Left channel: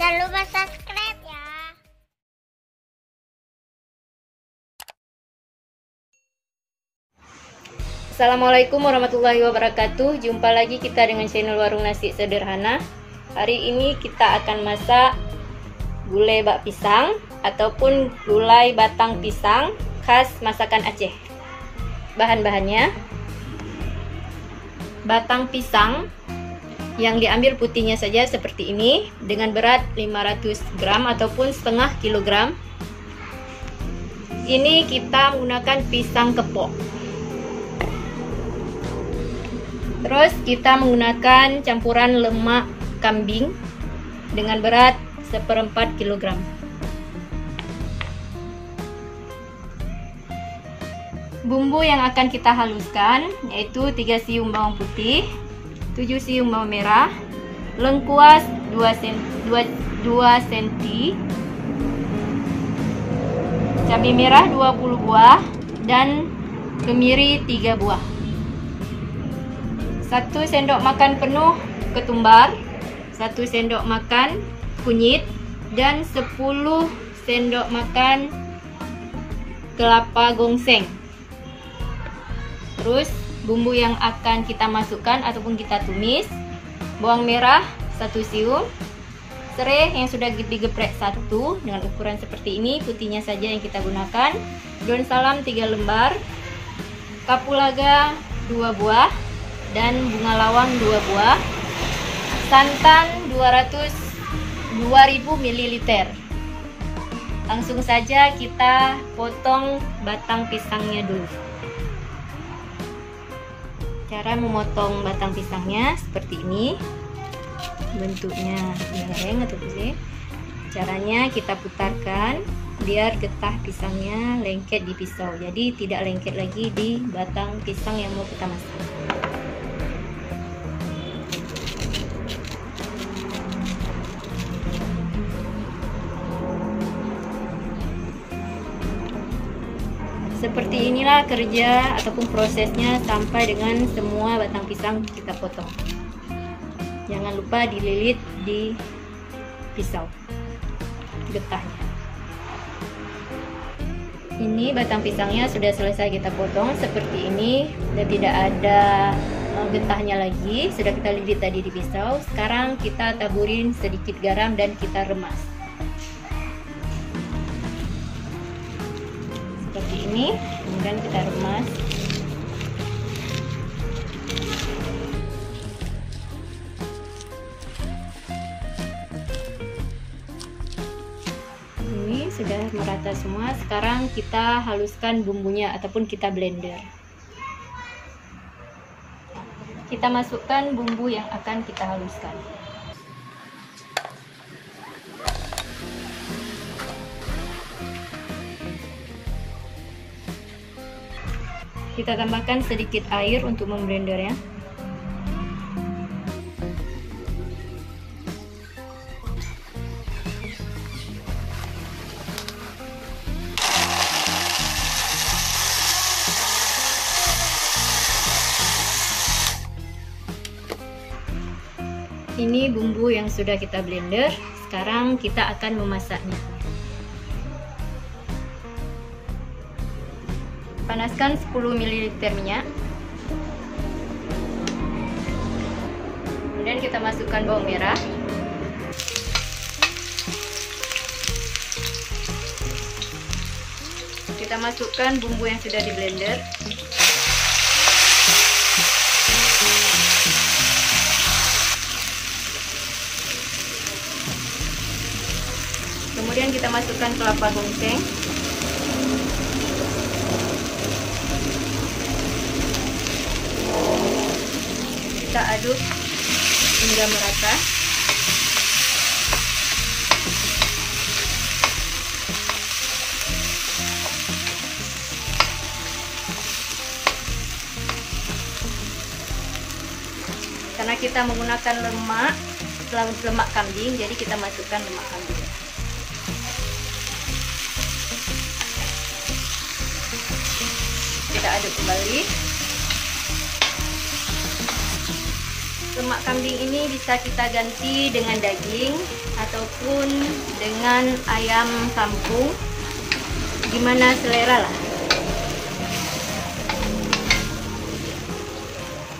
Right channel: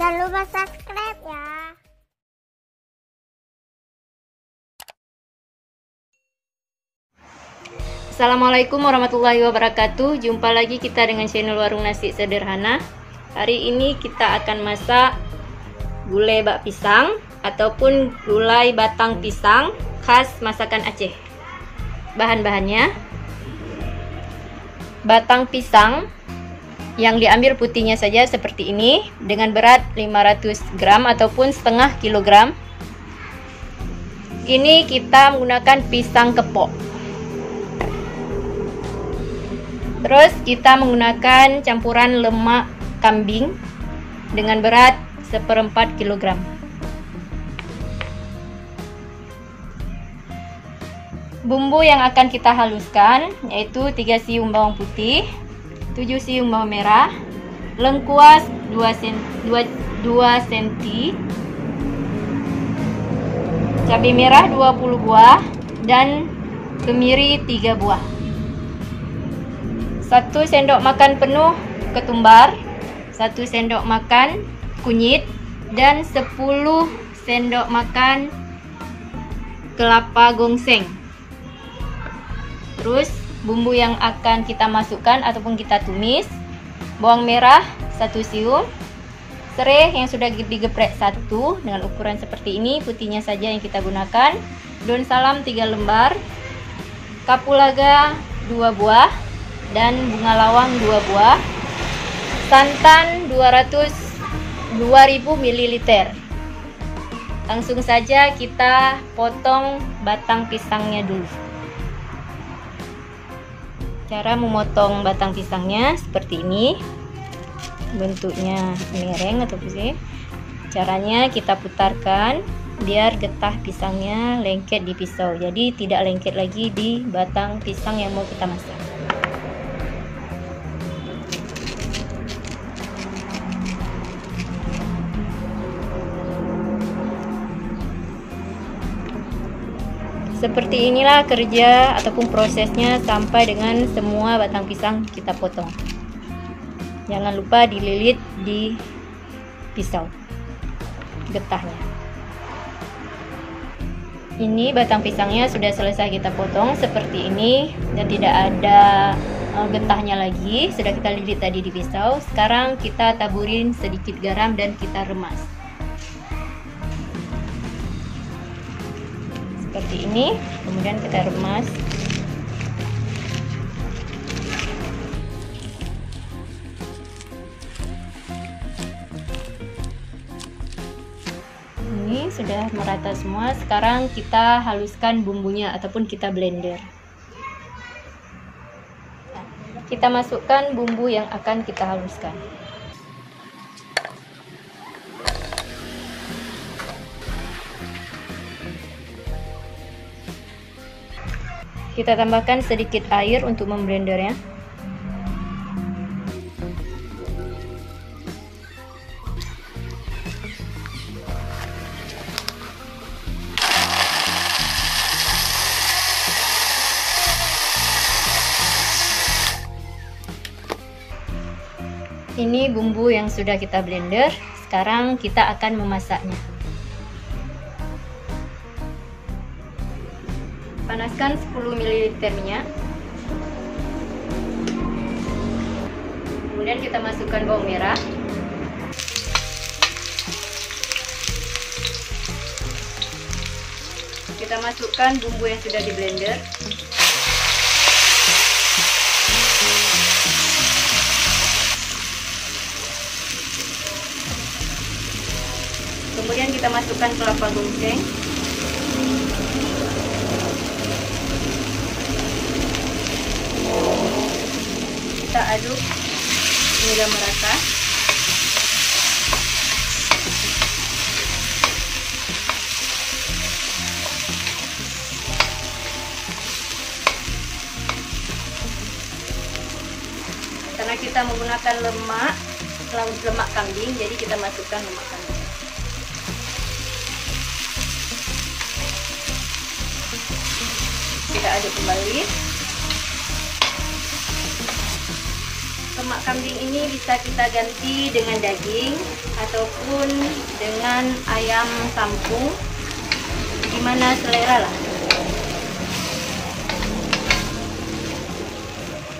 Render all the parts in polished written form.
Jangan lupa subscribe ya. Assalamualaikum warahmatullahi wabarakatuh. Jumpa lagi kita dengan channel Warung Nasi Sederhana. Hari ini kita akan masak gulai bak pisang ataupun gulai batang pisang khas masakan Aceh. Bahan-bahannya: batang pisang yang diambil putihnya saja seperti ini dengan berat 500 gram ataupun setengah kilogram. Ini kita menggunakan pisang kepok. Terus kita menggunakan campuran lemak kambing dengan berat 1/4 kg. Bumbu yang akan kita haluskan yaitu 3 siung bawang putih, 7 siung bawang merah, lengkuas 2 cm, cabai merah 20 buah, dan kemiri 3 buah. 1 sendok makan penuh ketumbar, 1 sendok makan kunyit, dan 10 sendok makan kelapa gongseng. Terus bumbu yang akan kita masukkan ataupun kita tumis: bawang merah 1 siung, serai yang sudah digeprek 1 dengan ukuran seperti ini, putihnya saja yang kita gunakan, daun salam 3 lembar, kapulaga 2 buah, dan bunga lawang 2 buah, santan 2000 ml. Langsung saja kita potong batang pisangnya dulu. Cara memotong batang pisangnya seperti ini, bentuknya miring atau pusing. Caranya kita putarkan biar getah pisangnya lengket di pisau, jadi tidak lengket lagi di batang pisang yang mau kita masak. Seperti inilah kerja ataupun prosesnya sampai dengan semua batang pisang kita potong. Jangan lupa dililit di pisau getahnya. Ini batang pisangnya sudah selesai kita potong seperti ini dan tidak ada getahnya lagi. Sudah kita lilit tadi di pisau. Sekarang kita taburin sedikit garam dan kita remas. Seperti ini, kemudian kita remas. Ini sudah merata semua. Sekarang kita haluskan bumbunya ataupun kita blender. Kita masukkan bumbu yang akan kita haluskan. Kita tambahkan sedikit air untuk memblendernya. Ini bumbu yang sudah kita blender. Sekarang kita akan memasaknya. Panaskan 10 ml minyak. Kemudian kita masukkan bawang merah. Kita masukkan bumbu yang sudah di blender. Kemudian kita masukkan kelapa gongseng. Kita aduk hingga merata. Karena kita menggunakan lemak kambing, jadi kita masukkan lemak kambing. Kita aduk kembali. Lemak kambing ini bisa kita ganti dengan daging ataupun dengan ayam kampung, gimana selera lah.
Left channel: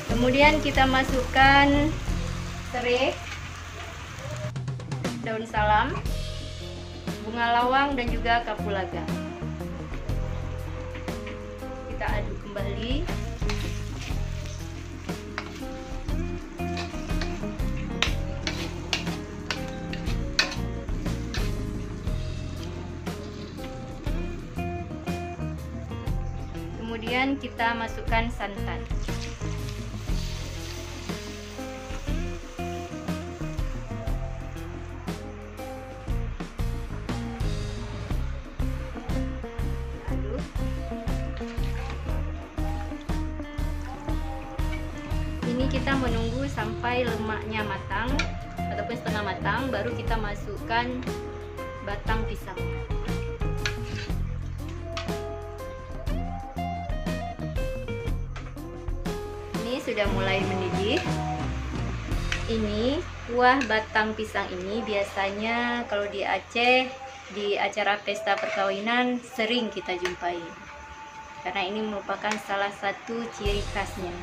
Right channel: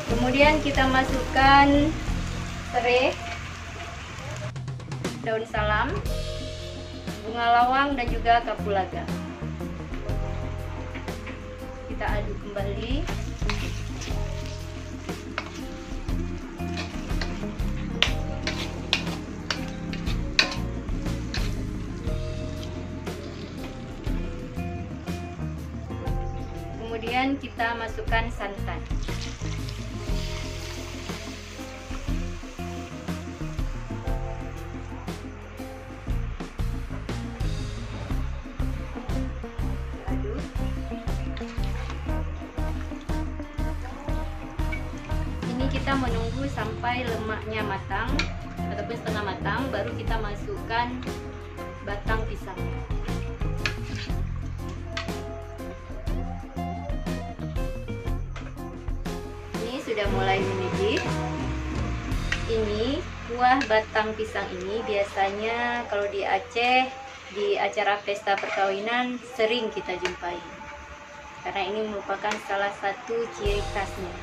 Kemudian kita masukkan serai, daun salam, bunga lawang dan juga kapulaga. Kita aduk kembali. Kemudian kita masukkan santan. Ini kita menunggu sampai lemaknya matang ataupun setengah matang, baru kita masukkan batang pisang. Ini sudah mulai mendidih. Ini kuah batang pisang ini biasanya kalau di Aceh di acara pesta perkawinan sering kita jumpai, karena ini merupakan salah satu ciri khasnya.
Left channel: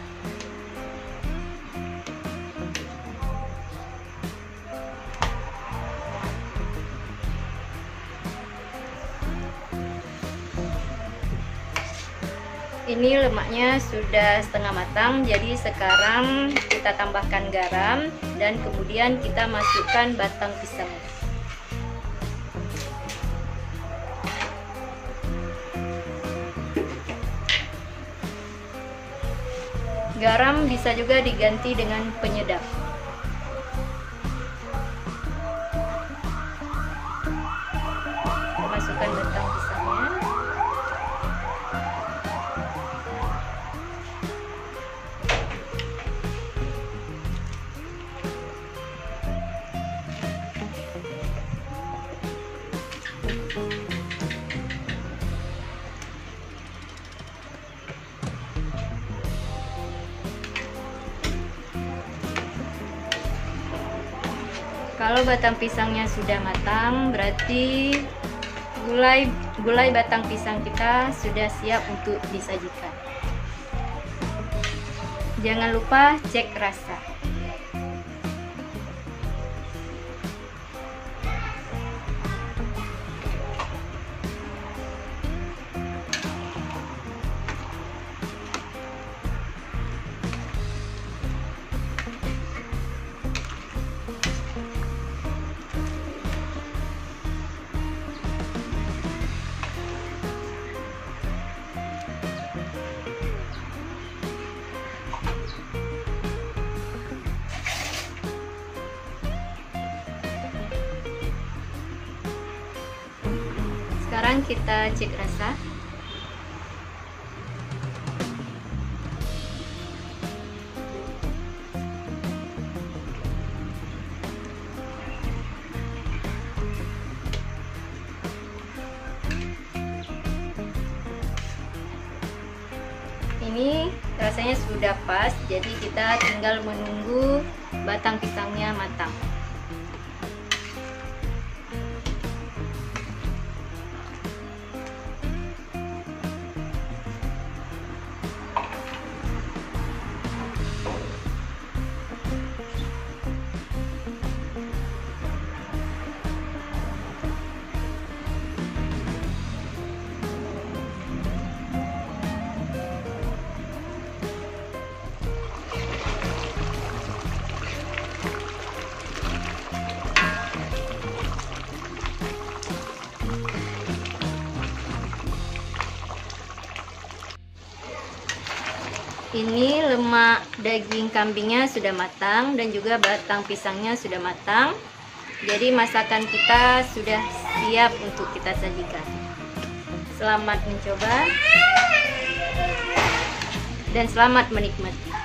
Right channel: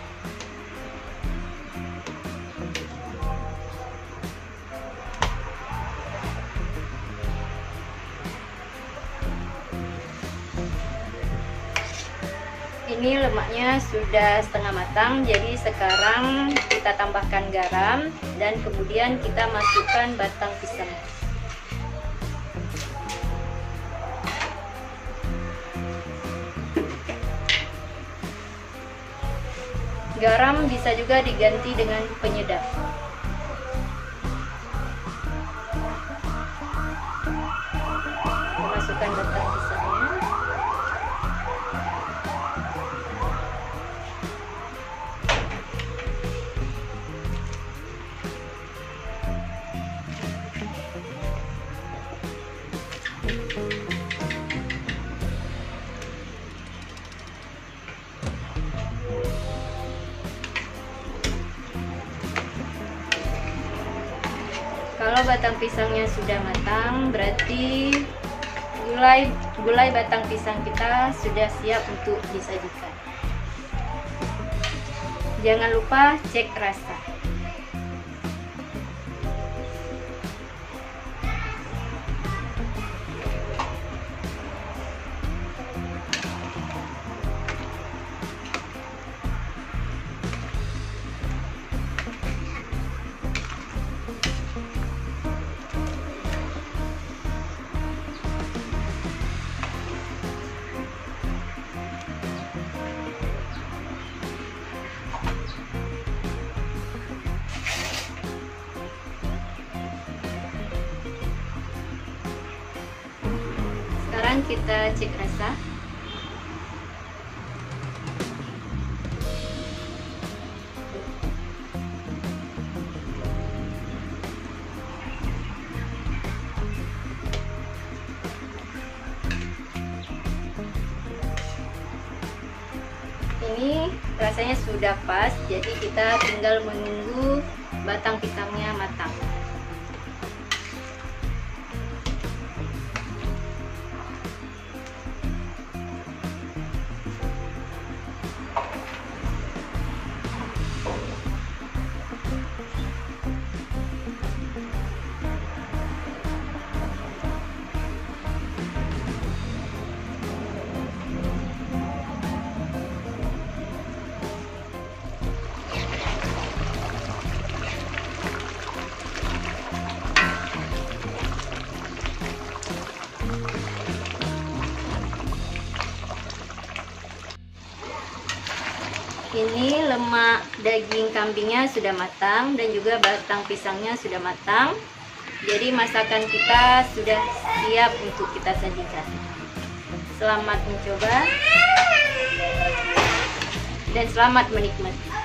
Ini lemaknya sudah setengah matang, jadi sekarang kita tambahkan garam dan kemudian kita masukkan batang pisang. Garam bisa juga diganti dengan penyedap. Kita masukkan batang pisangnya. Kalau batang pisangnya sudah matang, berarti gulai batang pisang kita sudah siap untuk disajikan. Jangan lupa cek rasa. Sekarang kita cek rasa. Ini rasanya sudah pas, jadi kita tinggal menunggu batang pisangnya matang. Ini lemak daging kambingnya sudah matang dan juga batang pisangnya sudah matang. Jadi masakan kita sudah siap untuk kita sajikan. Selamat mencoba dan selamat menikmati.